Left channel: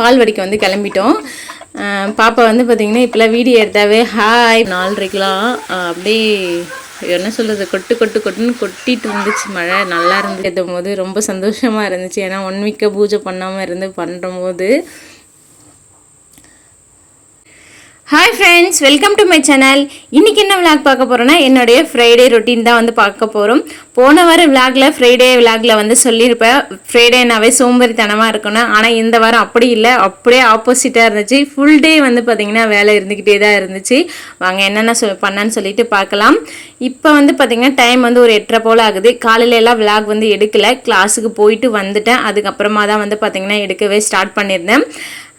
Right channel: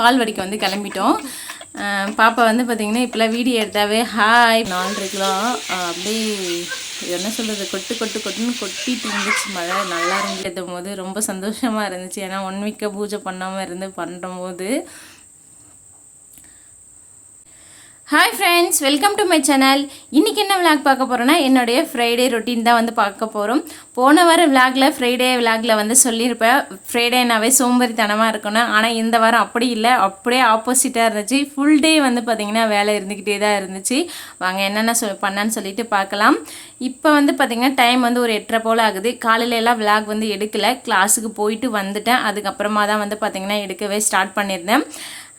பால் வடிக்க வந்து கிளம்பிட்டோம். பாப்பா வந்து பார்த்திங்கன்னா இப்போலாம் வீடியோ எடுத்தாவே ஹாய் நாலரைக்கெலாம் அப்படியே என்ன சொல்கிறது கொட்டு கொட்டு கொட்டுன்னு கொட்டிட்டு இருந்துச்சு மழை. நல்லா இருந்துச்சு. போது ரொம்ப சந்தோஷமாக இருந்துச்சு. ஏன்னா ஒன் வீக்கை பூஜை பண்ணாமல் இருந்து பண்ணும்போது hi friends welcome to my channel இன்றைக்கி என்ன விளாக் பார்க்க போகிறோன்னா என்னுடைய ஃப்ரைடே ரொட்டீன் தான் வந்து பார்க்க போகிறோம் போன வாரம் விளாகில் ஃப்ரைடே விளாகில் வந்து சொல்லியிருப்பேன். ஃப்ரைடேனாவே சோம்பேறித்தனமாக இருக்கணும். ஆனால் இந்த வாரம் அப்படி இல்லை. அப்படியே ஆப்போசிட்டாக இருந்துச்சு. ஃபுல் டே வந்து பார்த்திங்கன்னா வேலை இருந்துக்கிட்டே தான் இருந்துச்சு. வாங்க என்னென்ன சொ பண்ணான்னு சொல்லிட்டு பார்க்கலாம். இப்போ வந்து பார்த்திங்கன்னா டைம் வந்து ஒரு எட்டரை போல் ஆகுது. காலையில எல்லாம் விளாக் வந்து எடுக்கலை. கிளாஸுக்கு போயிட்டு வந்துட்டேன். அதுக்கப்புறமா தான் வந்து பார்த்திங்கன்னா எடுக்கவே ஸ்டார்ட் பண்ணியிருந்தேன்.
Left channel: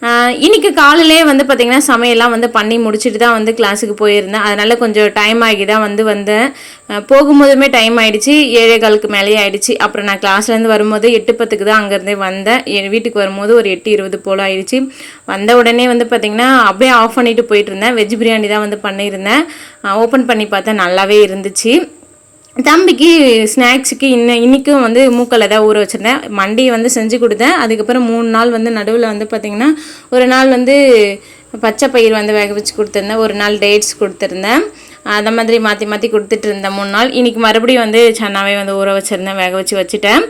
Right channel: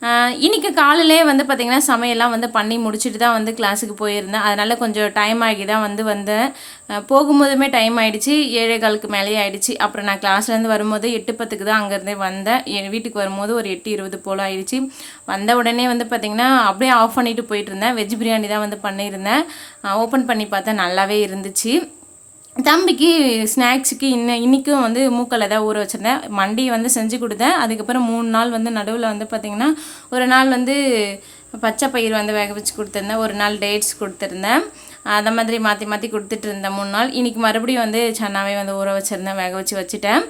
இன்றைக்கி இன்னைக்கு காலையிலே வந்து பார்த்திங்கன்னா சமையல்லாம் வந்து பண்ணி முடிச்சுட்டு தான் வந்து கிளாஸுக்கு போயிருந்தேன். அதனால் கொஞ்சம் டைம் ஆகி தான் வந்து வந்தேன். போகும்போதுமே டைம் ஆகிடுச்சு ஏழே காலுக்கு மேலேயே ஆகிடுச்சு அப்புறம் நான் கிளாஸ்லேருந்து வரும்போது எட்டு பத்துக்கு தான் அங்கேருந்தே வந்தேன். என் வீட்டுக்கு வரும்போது ஒரு எட்டு இருபது போல் ஆகிடுச்சு வந்த உடனே வந்து பார்த்திங்கன்னா அப்படியே ஆஃப் பண்ணிட்டு போயிட்டு இருந்தேன். வெஜ் பிரியாணி தான் வந்து பண்ணியிருந்தேன். ஓப்பன் பண்ணி பார்த்தேன் நல்லாவே இருந்துச்சு. தம்பிக்கு ஸ்நாக்ஸுக்கு இன்ன இன்றைக்கும் வந்து மூக்கல் தான் ஊற வச்சுருந்தேன். மண்டி வந்து செஞ்சு கொடுத்தேன். அதுக்கப்புறம் மூணு நாள் வந்து நடுவில் வந்து பார்த்திங்கன்னா ஒரு நாள் வந்து பச்சை பயிர் வந்து வேக வச்சு கொடுத்துருந்தேன். ஒரு நாள் டேட்ஸ் கொடுத்துருந்தேன். அதை மாதிரி மாற்றி மாற்றி கொடுத்துட்டு இருந்தேன் மூணு நாள். இன்றைக்கி மறுபடியும் வந்து சன்னாவே வந்து ஊற வச்சுருந்தேன் வேக வச்சு வச்சுட்டேன்.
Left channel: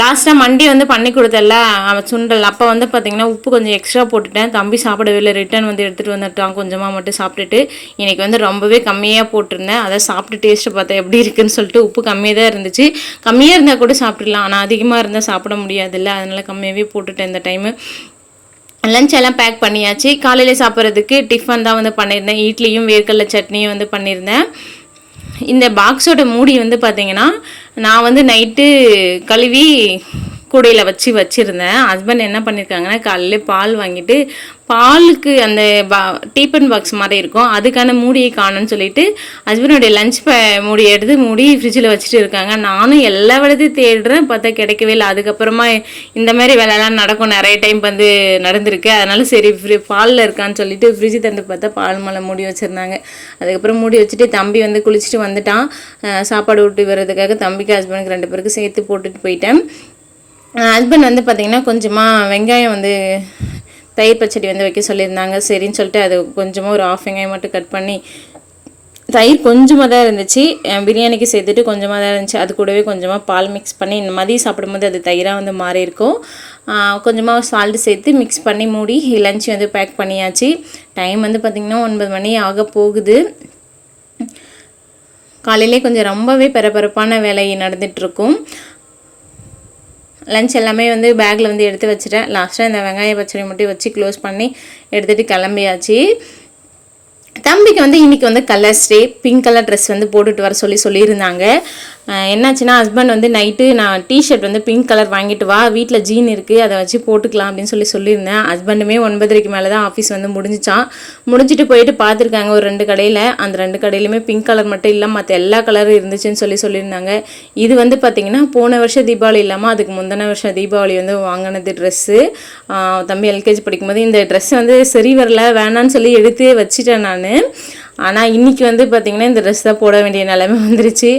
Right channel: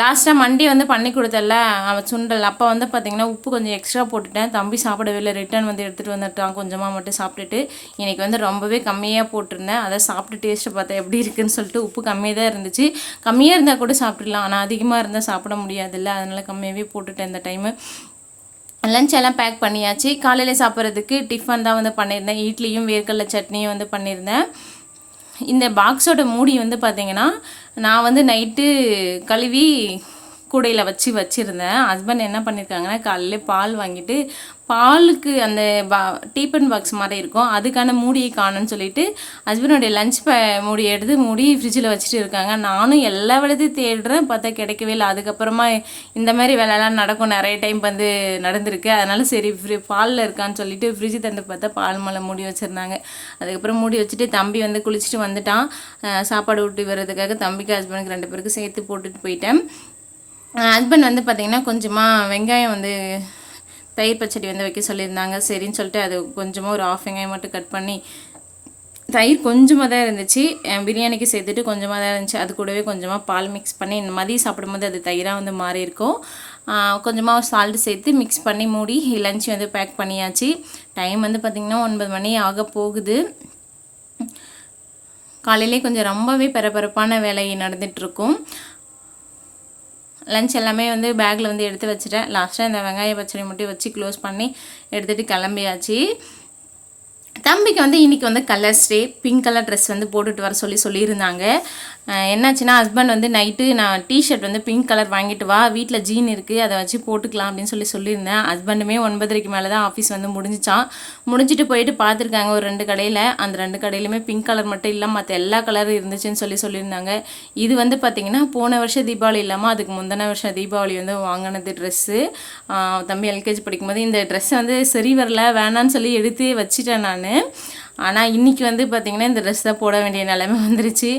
லாஸ்ட்டாக மண்டி வந்து பண்ணி கொடுத்தல அவன் சுண்டல். அப்போ வந்து பார்த்திங்கன்னா உப்பு கொஞ்சம் எக்ஸ்ட்ரா போட்டுட்டேன். தம்பி சாப்பிடவே இல்லை ரிட்டர்ன் வந்து எடுத்துகிட்டு வந்துட்டான். கொஞ்சமாக மட்டும் சாப்பிட்டுட்டு இன்றைக்கி வந்து ரொம்பவே கம்மியாக போட்டிருந்தேன். அதை சாப்பிட்டு டேஸ்ட்டு பார்த்தேன் எப்படி இருக்குன்னு சொல்லிட்டு உப்பு கம்மியாக தான் இருந்துச்சு. கம்மியாக இருந்தால் கூட சாப்பிட்றலாம் ஆனால் அதிகமாக இருந்தால் சாப்பிட முடியாதுல்ல. அதனால் கம்மியாகவே போட்டுட்டேன் இந்த டைமு லஞ்ச் எல்லாம் பேக் பண்ணியாச்சு. காலையில் சாப்பிட்றதுக்கு டிஃபன் தான் வந்து பண்ணியிருந்தேன். இட்லியும் வேர்க்கடலை சட்னியும் வந்து பண்ணியிருந்தேன். இந்த பாக்ஸோட மூடி வந்து பார்த்தீங்கன்னா நான் வந்து நைட்டு கழுவி கூடையில் வச்சு வச்சுருந்தேன். ஹஸ்பண்ட் என்ன பண்ணியிருக்காங்கன்னா காலையில பால் வாங்கிட்டு பாலுக்கு அந்த பா டீப்பன் பாக்ஸ் மாதிரி இருக்கும். அதுக்கான மூடியை காணும்னு சொல்லிட்டு ஹஸ்பண்டோடைய லஞ்ச் ப மூடி எடுத்து மூடி ஃப்ரிட்ஜில் வச்சுட்டு இருக்காங்க. நானும் எல்லா விடத்தையும் தேடுறேன். பார்த்தா கிடைக்கவே இல்லை. அதுக்கப்புறமா இந்த மாதிரி வேலைலாம் நடக்கும். நிறைய டைம் வந்து நடந்திருக்கு. அதனால சரி ஃப்ரி பாலில் இருக்கான்னு சொல்லிட்டு ஃப்ரிட்ஜ் தந்து பார்த்தா பால் மேலே மூடி வச்சுருந்தாங்க. அதுக்கப்புறம் மூடி வச்சுட்டு தம்பி வந்து குளிச்சுட்டு வந்துட்டான். சாப்பாடு ஊட்டி வர்றதுக்காக தம்பிக்கு ஹஸ்பண்டுக்கு ரெண்டு பேருக்கு சேர்த்து போட்டுட்டு போயிட்டேன். ஹஸ்பண்ட் வந்து பார்த்திங்கன்னா கொஞ்சமாக வெங்காயம் வந்து தயிர் பச்சடி வந்து வைக்க சொல்லியிருந்தாங்க. சரின்னு சொல்லிட்டு அது கொஞ்சமாக ஒரு ஆஃப் வெங்காயம் மட்டும் கட் பண்ணி தயிர் கொஞ்சமாக தான் இருந்துச்சு. பிரியாணிக்கு சேர்த்துட்டு கொஞ்சமாக தான் இருந்துச்சு. அது கூடவே கொஞ்சமாக பால் மிக்ஸ் பண்ணி இந்த மாதிரி சாப்பிடும்போது அது தயிராக வந்து மாறி இருக்கும். கொஞ்சமாக சால்ட் சேர்த்து மிக்ஸ் பண்ணி மூடி லஞ்ச் வந்து பேக் பண்ணியாச்சு. டைம் வந்து பார்த்திங்கன்னா ஒன்பது மணி ஆக போகுது. காலையிலே கொஞ்சம் ரொம்பவே பரபரப்பான வேலை நடந்துகிட்ருக்கும் லஞ்ச் எல்லாமே வந்து பேக்கில் வந்து எடுத்து வச்சுட்டேன். லாஸ்ட்டாக இந்த வெங்காய பச்சடி மட்டும் வச்சு க்ளோஸ் பண்ணி எடுத்துகிட்டு கிளம்பியாச்சு. தம்பிக்கு வந்து இன்றைக்கி வந்து colours day pink colour dress வந்து போட்டுட்டு வர சொல்லி சொல்லியிருந்தாங்க. என்னாச்சுன்னா ஹஸ்பண்ட் வந்து நைட்டு நான் டிஷர்ட் வந்து பிங்க் கலர் வாங்கிட்டு வா வீட்டில் ஜீன் இருக்குது அதை வச்சு போட்டுக்கலாம் அப்படின்னு சொல்லி சொல்லியிருந்தேன். ஹஸ்பண்டுமே ஒன்பதரைக்கு மேலே தான் ஆஃபீஸ் வந்து முடிஞ்சிச்சான் முடிஞ்சிட்டு போயிட்டு பார்த்துருக்காங்க ஒரு ரெண்டு கடையில். அந்த ரெண்டு கடையிலுமே பிங்க் கலர் மட்டும் இல்லை மற்ற எல்லா கலரும் இருந்துச்சுன்னு சொல்லி சொல்லியிருந்தாங்க. இது வந்து பார்த்திங்கன்னா போன வருஷம் தீபாவளி இல்லாமல் அதுக்கு முந்தின வருஷம் தீபாவளி வந்து வாங்கினது ட்ரெஸ்ஸு தம்பி எல்கேஜி படிக்கும்போது இந்த ட்ரெஸ் வந்து சரி வரல வேணான்னு சொல்லி எடுத்து வச்சிட்டேன் நான். ஆனால் இன்றைக்கி வந்து பார்த்திங்கன்னா இந்த ட்ரெஸ் தான் போட வேண்டிய நிலைமை வந்துருச்சு.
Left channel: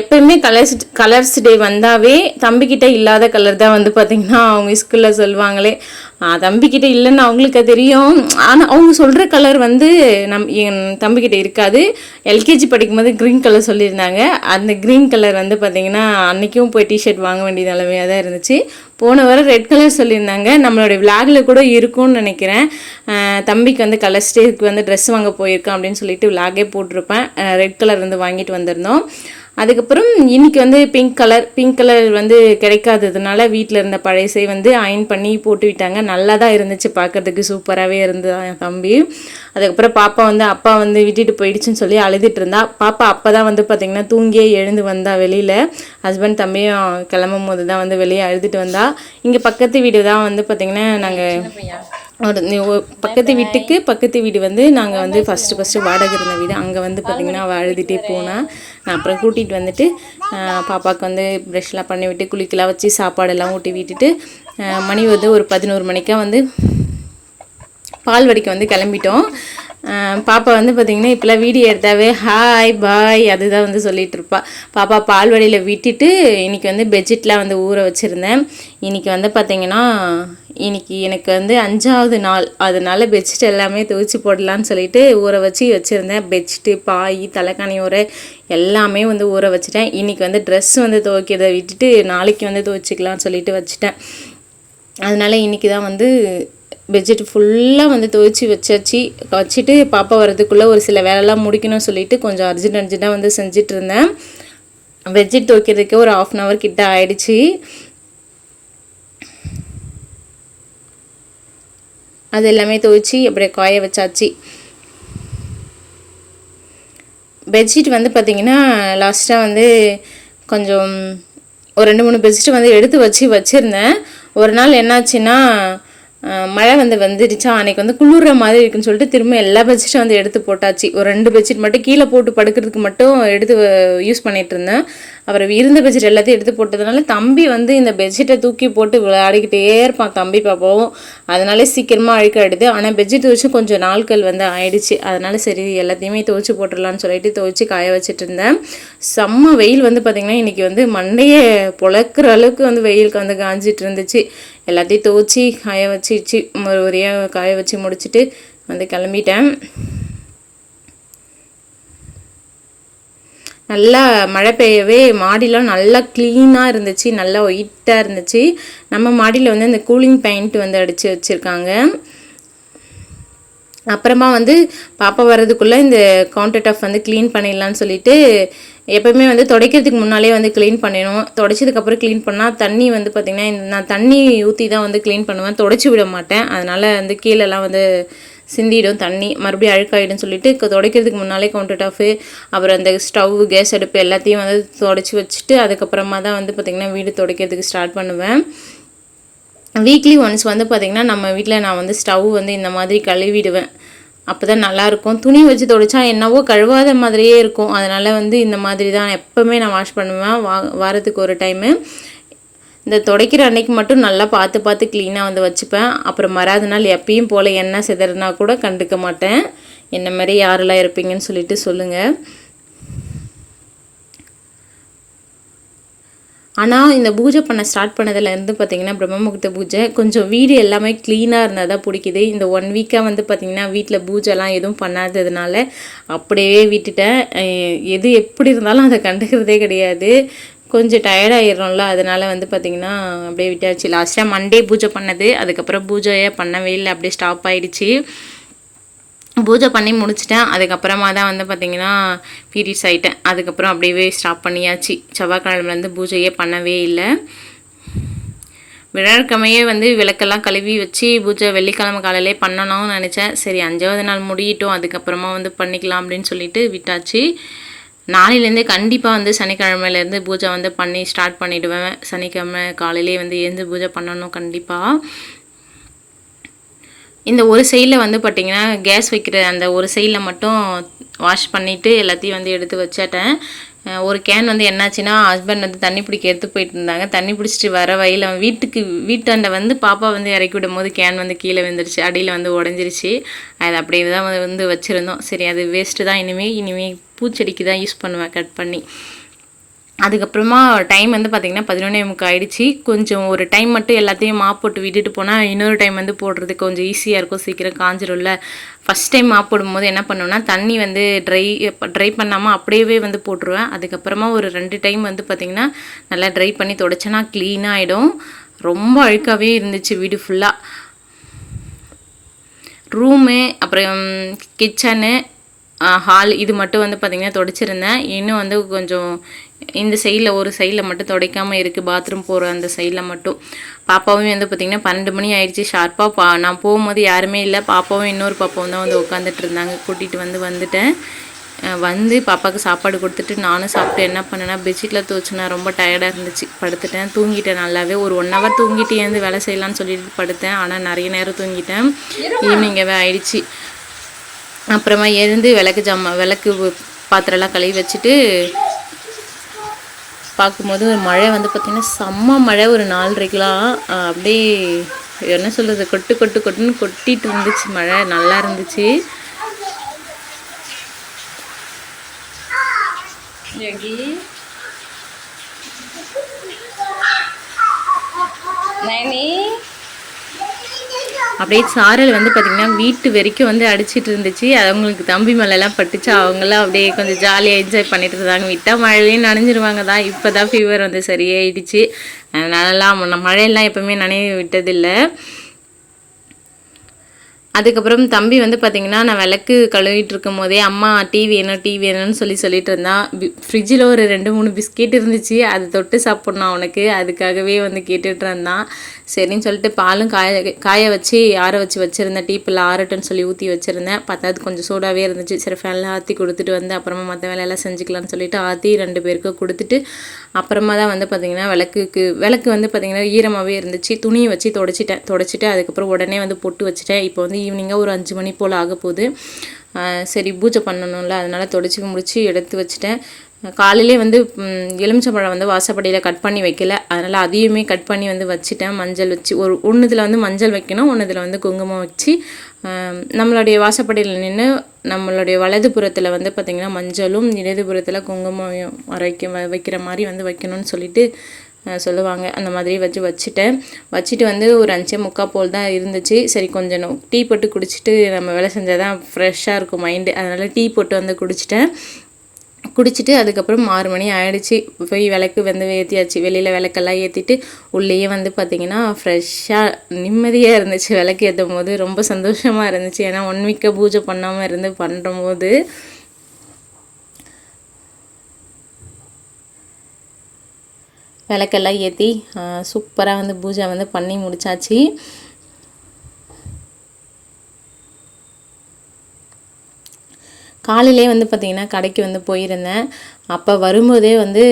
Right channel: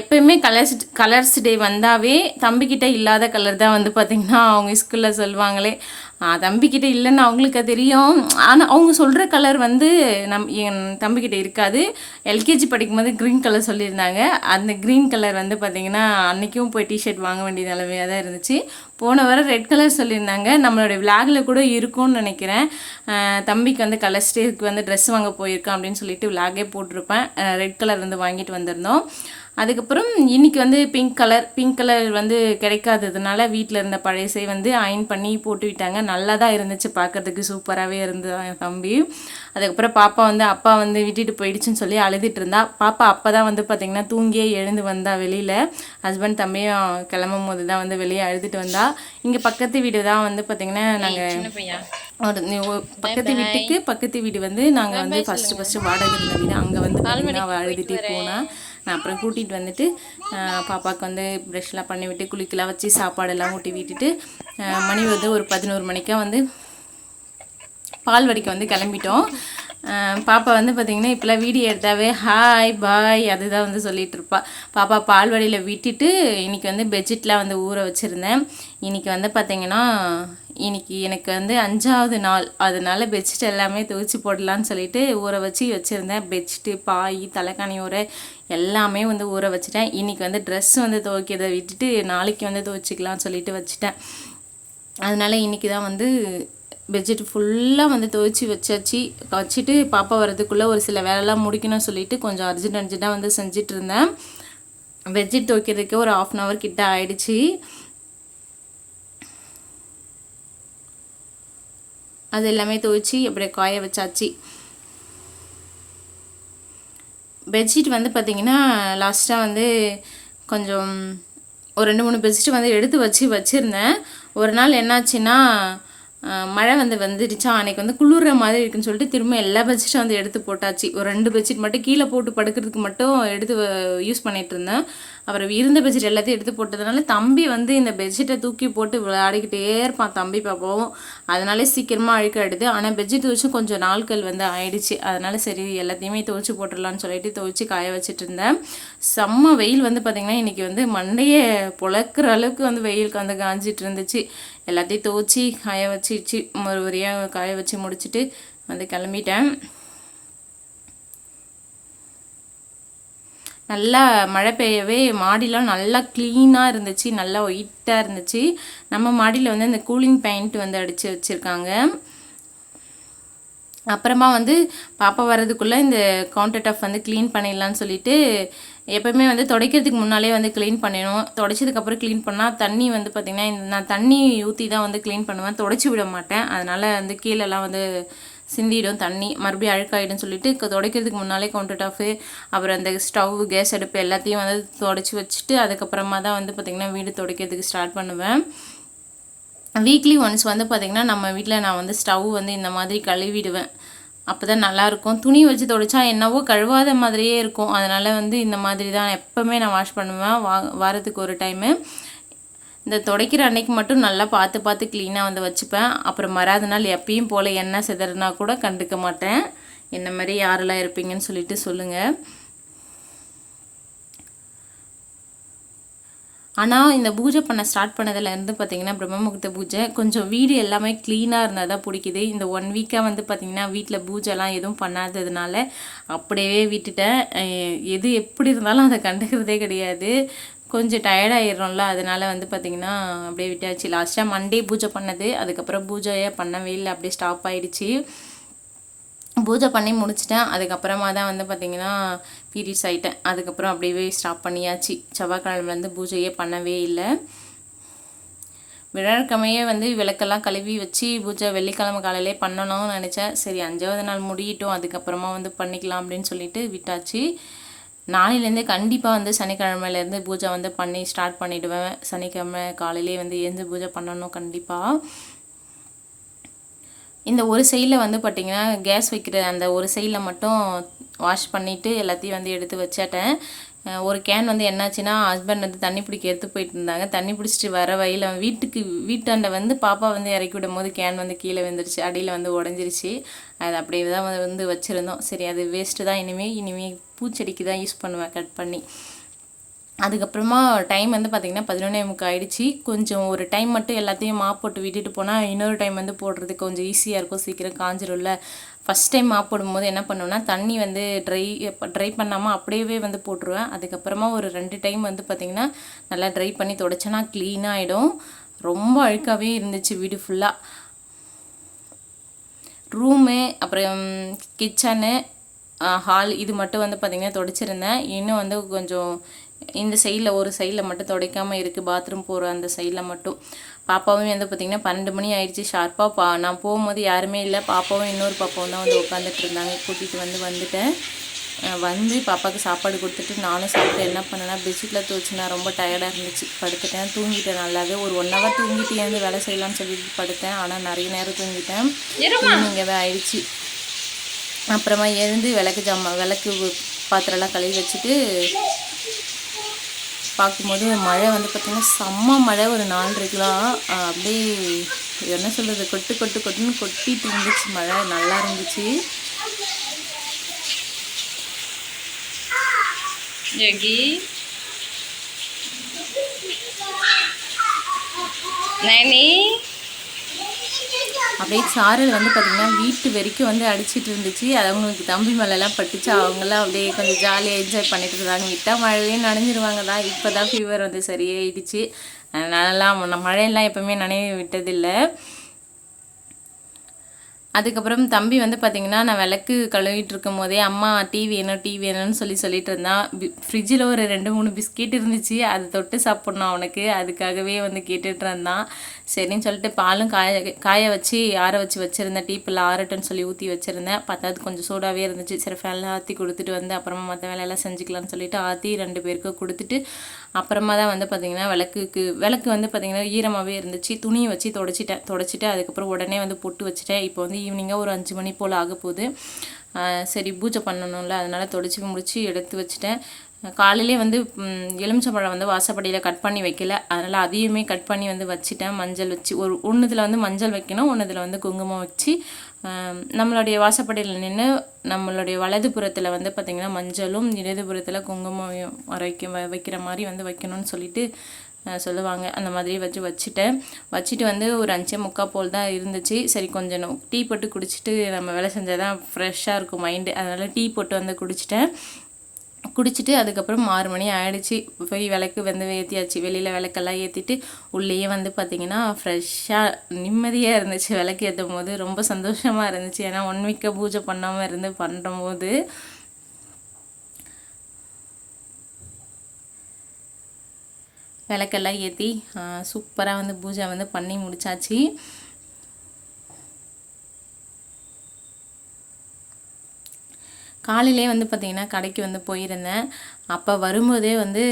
எப்பயுமே கலர்ஸ் கலர்ஸ் டே வந்தாவே தம்பிக்கிட்ட இல்லாத கலர் தான் வந்து பார்த்திங்கன்னா அவங்க ஸ்கூலில் சொல்லுவாங்களே. தம்பிக்கிட்ட இல்லைன்னு அவங்களுக்கு தெரியும். ஆனால் அவங்க சொல்கிற கலர் வந்து நம் என் தம்பிக்கிட்ட இருக்காது. எல்கேஜி படிக்கும்போது க்ரீன் கலர் சொல்லியிருந்தாங்க. அந்த க்ரீன் கலர் வந்து பார்த்திங்கன்னா அன்றைக்கும் போய் டிஷர்ட் வாங்க வேண்டிய நிலைமையாக தான் இருந்துச்சு. போன வாரம் ரெட் கலர் சொல்லியிருந்தாங்க. நம்மளோட விளாகில் கூட இருக்கும்னு நினைக்கிறேன். தம்பிக்கு வந்து கலர் ஸ்டேக்கு வந்து ட்ரெஸ் வாங்க போயிருக்கான் அப்படின்னு சொல்லிட்டு விளாகே போட்டிருப்பேன். ரெட் கலர் வந்து வாங்கிட்டு வந்திருந்தோம். அதுக்கப்புறம் இன்னைக்கு வந்து பிங்க் கலர் பிங்க் கலர் வந்து கிடைக்காததுனால வீட்டில் இருந்த பழையசை வந்து அயன் பண்ணி போட்டு விட்டாங்க. நல்லா தான் இருந்துச்சு பார்க்கறதுக்கு சூப்பராகவே இருந்தது என் தம்பி. அதுக்கப்புறம் பாப்பா வந்து அப்பா வந்து விட்டுட்டு போயிடுச்சுன்னு சொல்லி அழுதுட்டு இருந்தா. பாப்பா அப்போ தான் வந்து பார்த்திங்கன்னா தூங்கியே எழுந்து வந்தா வெளியில். ஹஸ்பண்ட் தம்பியும் கிளம்பும் போது தான் வந்து வெளியே அழுதுட்டு வந்தா. இங்கே பக்கத்து வீடு தான் வந்து பார்த்திங்கன்னா நாங்கள் ஒரு பக்கத்து வீட்டுக்கு பக்கத்து வீடு வந்து நாங்கள் வந்து ஃபஸ்ட்டு ஃபஸ்ட்டு வாடகை இருந்த வீடு. அங்கே வந்து பார்த்திங்கன்னா அவள் அழுதுகிட்டே போனா. நான் அப்புறம் கூட்டிகிட்டு வந்துட்டு ஆஹ், பாப்பாவுக்கு வந்து ப்ரெஷ்லாம் பண்ணி விட்டு குளிக்கலாம் வச்சு சாப்பாடெல்லாம் ஊட்டி விட்டுட்டு ஆஹ், மணி வந்து ஒரு பதினோரு மணிக்கா வந்து பால் வடிக்க வந்து கிளம்பிட்டோம். பாப்பா வந்து பார்த்திங்கன்னா இப்போலாம் வீடியோ எடுத்தாவே ஹாய் பாய் அதுதான் வந்து சொல்லிகிட்டு இருப்பா பாப்பா பால்வாடியில் விட்டுட்டு இன்றைக்கி வந்து பெட்ஷீட்லாம் வந்து ஊற வச்சுருந்தேன். இன்னைக்கு வந்து பார்த்திங்கன்னா இன்றைக்கி எனக்கு வந்து அஞ்சாவது நாள். அதனால பெட்ஷீட் எல்லாமே துவைச்சி போடலான்னு சொல்லிட்டு ஊற வச்சு வச்சுருந்தேன். பெட்ஷீட்டு பாய் தலைக்காணி ஊற எல்லாமே வந்து ஊற வச்சுட்டேன். இன்னைக்கு வந்து ட்ரெஸ் வந்து துவைக்கிறத விட்டுட்டு நாளைக்கு வந்து துவைச்சிக்கலாம்னு சொல்லிட்டு வச்சுட்டேன். அதனால இன்னைக்கு தான் வந்து பெட்ஷீட் ஃபுல்லாக வந்து துவைச்சி வச்சாச்சு. வச்சுட்டு பாப்பா வரதுக்குள்ளே ஒரு சில வேலைலாம் முடிக்கணும்னு சொல்லிட்டு கொஞ்சம் அர்ஜென்ட் அர்ஜென்ட்டாக வந்து செஞ்சுட்டு இருந்தேன். பெட்ஷீட் துவைக்கிறதுக்கே ஒரு ஆஃப் அன் ஹவர் கிட்ட ஆயிடுச்சு. அது எல்லாமே துவைச்சி அப்படியே காய வச்சாச்சு. பெட்ஷீட் வந்து பார்த்திங்கன்னா லாஸ்ட்டாக வந்து கொஞ்சம் ஒரு ரெண்டு மூணு பெட்ஷீட் வந்து எடுத்து வச்சு வச்சுருந்தேன். ஒரு நாள் என்னாச்சுன்னா மழை வந்து வந்துடுச்சா? அன்னைக்கு வந்து குளிர்ற மாதிரி இருக்குன்னு சொல்லிட்டு திரும்ப எல்லா பெட்ஷீட்டும் வந்து எடுத்து போட்டாச்சு. ஒரு ரெண்டு பெட்ஷீட் மட்டும் கீழே போட்டு படுக்கிறதுக்கு மட்டும் எடுத்து யூஸ் பண்ணிட்டு இருந்தேன். அப்புறம் இருந்த பெட்ஷீட் எல்லாத்தையும் எடுத்து போட்டதுனால தம்பி வந்து இந்த பெட்ஷீட்டை தூக்கி போட்டு விளையாடிக்கிட்டே இருப்பான். தம்பி பாப்பாவும். அதனால சீக்கிரமாக அழுக்காயிடுது ஆனால் பெட்ஷீட் துவைச்சு கொஞ்சம் நாட்கள் வந்து ஆயிடுச்சு. அதனால சரி எல்லாத்தையுமே துவச்சி போட்டுடலான்னு சொல்லிட்டு துவச்சி காய வச்சுட்டு இருந்தேன். செம்ம வெயில் வந்து பார்த்திங்கன்னா இன்றைக்கி வந்து மண்டையை பொழக்கிற அளவுக்கு வந்து வெயிலுக்கு வந்து காஞ்சிட்டு இருந்துச்சு. எல்லாத்தையும் துவைச்சி காய வச்சிச்சு ஒரு காய வச்சு முடிச்சுட்டு வந்து கிளம்பிட்டேன். நல்லா மழை பெய்யவே மாடிலாம் நல்லா க்ளீனாக இருந்துச்சு நல்லா ஒயிட்டாக இருந்துச்சு. நம்ம மாடியில் வந்து இந்த கூலிங் பெயிண்ட் வந்து அடித்து வச்சுருக்காங்க. அப்புறமா வந்து பாப்பா வர்றதுக்குள்ளே இந்த கவுண்டர் டாப் வந்து க்ளீன் பண்ணிடலான்னு சொல்லிட்டு எப்போவுமே வந்து துடைக்கிறதுக்கு முன்னாலே வந்து க்ளீன் பண்ணிடணும். துடைச்சதுக்கப்புறம் க்ளீன் பண்ணால் தண்ணி வந்து பார்த்திங்கன்னா நான் தண்ணி ஊற்றி தான் வந்து க்ளீன் பண்ணுவேன். துடைச்சி விட மாட்டேன். அதனால் வந்து கீழெல்லாம் வந்து சிந்திடும் தண்ணி மறுபடியும் அழுக்காயிடும் சொல்லிட்டு துடைக்கிறதுக்கு முன்னாலே கவுண்டர் டாஃபு அப்புறம் அந்த ஸ்டவ் கேஸ் அடுப்பு எல்லாத்தையும் வந்து துடைச்சி வச்சுட்டு அதுக்கப்புறமா தான் வந்து பார்த்திங்கன்னா வீடு துடைக்கிறதுக்கு ஸ்டார்ட் பண்ணுவேன். வீக்லி ஒன்ஸ் வந்து பார்த்திங்கன்னா நம்ம வீட்டில் நான் வந்து ஸ்டவ் வந்து இந்த மாதிரி கழுவிடுவேன். அப்போ தான் நல்லாயிருக்கும். துணி வச்சு துடைச்சா என்னவோ கழுவாத மாதிரியே இருக்கும். அதனால் வந்து இந்த மாதிரி தான் எப்போவுமே நான் வாஷ் பண்ணுவேன். வா வாரத்துக்கு ஒரு டைமு இந்த துடைக்கிற அன்னைக்கு மட்டும் நல்லா பார்த்து பார்த்து க்ளீனாக வந்து வச்சுப்பேன். அப்புறம் மறாத நாள் எப்பயும் போல் என்ன சிதறினா கூட கண்டுக்க மாட்டேன். என்ன மாதிரி யாரெல்லாம் இருப்பீங்கன்னு சொல்லிட்டு சொல்லுங்கள் ஆனால் இந்த பூஜை பண்ண ஸ்டார்ட் பண்ணதுலேருந்து பார்த்தீங்கன்னா பிரம்மமுகூர்த்த பூஜை கொஞ்சம் வீடு எல்லாமே க்ளீனாக இருந்தால் தான் பிடிக்குது. இந்த ஒன் வீக்காக வந்து பார்த்திங்கன்னா வீட்டில் பூஜைலாம் எதுவும் பண்ணாததுனால அப்படியே விட்டுட்டேன். எது எப்படி இருந்தாலும் அதை கண்டுக்கிறதே கிடையாது. கொஞ்சம் டயர்டாயிடுறோம்ல அதனால் வந்து பார்த்திங்கன்னா அப்படியே விட்டாச்சு. லாஸ்ட்டாக மண்டே பூஜை பண்ணது. அதுக்கப்புறம் பூஜையே பண்ணவே இல்லை. அப்படியே ஸ்டாப் ஆகிடுச்சு பூஜை பண்ணி முடிச்சிட்டேன். அதுக்கப்புறமா தான் வந்து பார்த்திங்கன்னா பீரியட்ஸ் ஆகிட்டேன் அதுக்கப்புறம் அப்படியே ஸ்டாப் பண்ணியாச்சு. செவ்வாய்க்கிழமைலேருந்து பூஜையே பண்ணவே இல்லை. விழாக்கிழமையே வந்து விளக்கெல்லாம் கழுவி வச்சு பூஜை வெள்ளிக்கிழமை காலையிலே பண்ணணும்னு நினச்சேன். சரி அஞ்சாவது நாள் முடியட்டும். அதுக்கப்புறமா வந்து பண்ணிக்கலாம் அப்படின்னு சொல்லிட்டு விட்டாச்சு. நாளையிலேருந்து கண்டிப்பாக வந்து சனிக்கிழமையிலேருந்து பூஜை வந்து பண்ணி ஸ்டார்ட் பண்ணிவிடுவேன் சனிக்கிழமை காலையிலே வந்து எழுந்து பூஜை பண்ணணும் கண்டிப்பாக இந்த ஒரு சைடில் வந்து பார்த்திங்கன்னா கேஸ் வைக்கிற அந்த ஒரு சைடில் மட்டும் வாஷ் பண்ணிவிட்டு எல்லாத்தையும் வந்து எடுத்து வச்சிட்டேன். ஒரு கேன் வந்து என்னாச்சுன்னா ஹஸ்பண்ட் வந்து தண்ணி பிடிக்க எடுத்து போயிட்டு இருந்தாங்க. தண்ணி பிடிச்சிட்டு வர வழியில் வீட்டுக்கு வீட்டாண்ட வந்து பாப்பா வந்து இறக்கி விடும் போது கேன் வந்து கீழே விழுந்துருச்சு. அடியில் வந்து உடஞ்சிருச்சு. அது அப்படியே தான் வந்து- வச்சுருந்தோம். சரி அது வேஸ்ட்டு தான். இனிமேல் இனிமேல் பூச்செடிக்கு தான் யூஸ் பண்ணுவேன் கட் பண்ணி. அதுக்கப்புறமா டைம் வந்து பார்த்திங்கன்னா பதினொன்னே முக்கால் ஆகிடுச்சு கொஞ்சம் ஒரு டைம் மட்டும் எல்லாத்தையும் மாப் போட்டு விட்டுட்டு போனால் இன்னொரு டைம் வந்து போடுறதுக்கு கொஞ்சம் ஈஸியாக இருக்கும். சீக்கிரம் காஞ்சிரும்ல. ஃபஸ்ட் டைம் மாப் போடும்போது என்ன பண்ணுவேன்னா தண்ணி வந்து ட்ரை ட்ரை பண்ணாமல் அப்படியே வந்து போட்டுருவேன். அதுக்கப்புறமா ஒரு ரெண்டு டைம் வந்து பார்த்திங்கன்னா நல்லா ட்ரை பண்ணி தொடச்சேன்னா க்ளீனாக ஆகிடும் ரொம்ப அழுக்காகவே இருந்துச்சு வீடு ஃபுல்லாக ரூமு அப்புறம் கிச்சனு ஹால் இது மட்டும் வந்து பார்த்திங்கன்னா தொடச்சிருந்தேன். இன்னும் வந்து கொஞ்சம் இந்த சைடில் ஒரு சைடில் மட்டும் துடைக்காமல் இருக்குது பாத்ரூம் போகிற அந்த சைடில் மட்டும். பாப்பாவும் வந்து பார்த்திங்கன்னா பன்னெண்டு மணி ஆயிடுச்சு. ஷார்ப்பாக பா நான் போகும்போது யாருமே இல்லை. பாப்பாவும் இன்னொரு பாப்பாவும் தான் வந்து உட்காந்துட்டு இருந்தாங்க. கூட்டிகிட்டு வந்து வந்துட்டேன். வந்து பாப்பாவுக்கு சாப்பாடு கொடுத்துட்டு நானும் சாப்பிட்டு என்ன பண்ணேன்னா பெட்ஷீட்டில் துவச்சினா ரொம்ப டயர்டாக இருந்துச்சு. படுத்துட்டேன். தூங்கிட்டேன் நல்லாவே. ஒரு ஒன் ஹவர் தூங்கிட்டு ஏந்து வேலை செய்யலாம்னு சொல்லிட்டு படுத்தேன். ஆனால் நிறைய நேரம் தூங்கிட்டேன். ஈவினிங்கவே ஆயிடுச்சு. அப்புறமா எழுந்து விளக்கு ஜாமா விளக்கு பாத்திரம்லாம் கழுவி வச்சுட்டு பார்க்கும்போது மழை வந்து பார்த்திங்கன்னா செம்ம மழை ஒரு நாலரைக்கெலாம் அப்படியே என்ன சொல்கிறது கொட்டு கொட்டு கொட்டுன்னு கொட்டிட்டு இருந்துச்சு மழை. நல்லா இருந்துச்சு. நைனி அப்படியே சாரல் வந்து பார்த்திங்கன்னா வீட்டு வரைக்கும் வந்து அடிச்சிட்டு இருந்துச்சு. அது அவங்களுக்கு தம்பி மேலெல்லாம் பட்டுச்சு. அவங்களாம் அப்படியே கொஞ்சம் ஜாலியாக என்ஜாய் பண்ணிட்டு இருந்தாங்க. விட்டால் மழையே நனைஞ்சிருவாங்க தான். இப்போ தான் ஃபீவர் வந்து சரியாயிடுச்சு. அதனாலலாம் மழையெல்லாம் எப்போவுமே நனைய விட்டதில்லை. அதுக்கப்புறம் தம்பி வந்து பார்த்திங்கன்னா நான் விளக்கு கழுவிட்டு இருக்கும் போதே அம்மா டீ வேணும் டீ வேணும்னு சொல்லி சொல்லிட்டு இருந்தான். ஃப்ரிட்ஜில் ஒரு ரெண்டு மூணு பிஸ்கெட் இருந்துச்சு. அது தொட்டு சாப்பிட்ணும் அவனுக்கு. அதுக்காகவே வந்து கேட்டுட்டு இருந்தான். சரின்னு சொல்லிட்டு பாலும் காய காய வச்சு ஆற வச்சு வச்சுருந்தேன் டீப்பில் ஆறட்டுன்னு சொல்லி ஊற்றி வச்சுருந்தேன். பார்த்தா அது கொஞ்சம் சூடாகவே இருந்துச்சு. சரி ஃபேனில் ஆற்றி கொடுத்துட்டு வந்து அப்புறமா மற்ற வேலையெல்லாம் செஞ்சுக்கலாம்னு சொல்லிட்டு ஆற்றி ரெண்டு பேருக்கு கொடுத்துட்டு அப்புறமா தான் வந்து பார்த்திங்கன்னா விளக்குக்கு விளக்கு வந்து பார்த்திங்கன்னா ஈரமாகவே இருந்துச்சு. துணியை வச்சு தொடச்சிட்டேன். தொடச்சிட்டு அதுக்கப்புறம் உடனே வந்து பொட்டு வச்சுட்டேன். இப்போ வந்து ஈவினிங்காக ஒரு அஞ்சு மணி போல் ஆக போகுது சரி பூஜை பண்ணணும்ல. அதனால் தொடச்சி முடித்து எடுத்து வச்சுட்டேன். காலையிலே வந்து எலுமிச்சம்பழம் வந்து வாசப்படியில் கட் பண்ணி வைக்கல. அதனால் அதையுமே கட் பண்ணி வந்து வச்சுட்டேன். மஞ்சள் வச்சு ஒரு ஒன்றுத்தில் வந்து மஞ்சள் வைக்கணும் ஒன்றுத்தில் வந்து குங்குமம் வச்சு. நம்மளுடைய வாசப்படியில் நின்று நம்மளுடைய வலது புறத்தில் வந்து பார்த்திங்கன்னா மஞ்சளும் இடதுபுறத்தில் குங்குமம் வரைக்க வைக்கிற மாதிரி வந்து வைக்கணும்னு சொல்லிட்டு சொல்லுவாங்க. அந்த மாதிரி வச்சு வச்சுட்டேன். வச்சுட்டு வந்து ஒரு அஞ்சே முக்கால் போல் தான் இருந்துச்சு. சரி கொஞ்சம் டீ போட்டு குடிச்சிட்டு நம்ம வேலை செஞ்சால் தான் ஃப்ரெஷ்ஷாக இருக்கும் மைண்டு அதனால் டீ போட்டு வந்து குடிச்சிட்டேன். குடிச்சிட்டு அதுக்கப்புறம் ஆறு மணி ஆகிடுச்சி போய் விளக்கு வந்து ஏற்றியாச்சு வெளியில் விளக்கெல்லாம் ஏற்றிட்டு உள்ளேயே வந்து பார்த்திங்கன்னா ஃப்ரெஷ்ஷாக நிம்மதியாக இருந்துச்சு. விளக்கு ஏற்றும் போது ரொம்ப சந்தோஷமாக இருந்துச்சு. ஏன்னா ஒன் வீக்காக பூஜை பண்ணாமல் இருந்து பண்ணும்போது விளக்கெல்லாம் ஏற்றி சூப்பராக வந்து பூஜை வந்து பண்ணி முடித்தாச்சு காலையிலே வந்து பார்த்திங்கன்னா கடைக்கு வந்து போயிருந்தேன். அப்போ வரும்போதே வந்து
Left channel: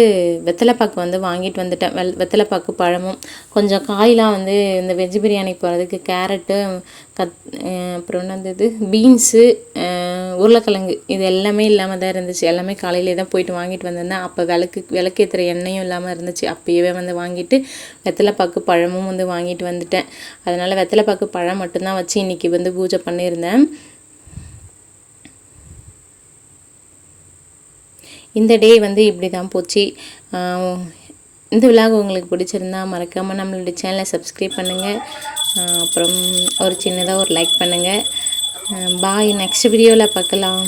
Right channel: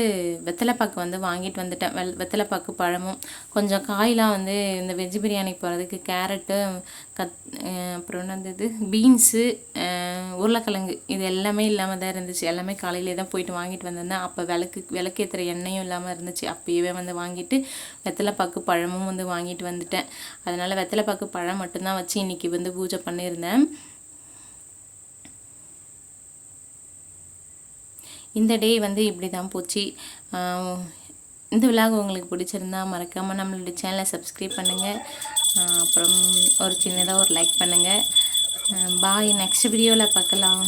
வெத்தலைப்பாக்கு வந்து வாங்கிட்டு வந்துட்டேன். வெ வெத்தலைப்பாக்கு பழமும் கொஞ்சம் காயெலாம் வந்து இந்த வெஜ் பிரியாணிக்கு போகிறதுக்கு கேரட்டு கத் அப்புறம் என்னது இது? பீன்ஸு உருளைக்கிழங்கு இது எல்லாமே இல்லாமல் தான் இருந்துச்சு. எல்லாமே காலையிலே தான் போயிட்டு வாங்கிட்டு வந்திருந்தேன். அப்போ விளக்கு விளக்கேற்றுற எண்ணெயும் இல்லாமல் இருந்துச்சு. அப்போயே வந்து வாங்கிட்டு வெத்தலைப்பாக்கு பழமும் வந்து வாங்கிட்டு வந்துட்டேன். அதனால் வெத்தலைப்பாக்கு பழம் மட்டும்தான் வச்சு இன்றைக்கி வந்து பூஜை பண்ணியிருந்தேன். இந்த டே வந்து இப்படி தான் போச்சு இந்த விழாவை உங்களுக்கு பிடிச்சிருந்தா மறக்காமல் நம்மளுடைய சேனலை சப்ஸ்கிரைப் பண்ணுங்கள் அப்புறம் ஒரு சின்னதாக ஒரு லைக் பண்ணுங்கள் பாய் நெக்ஸ்ட் வீடியோவில் பார்க்கலாம்.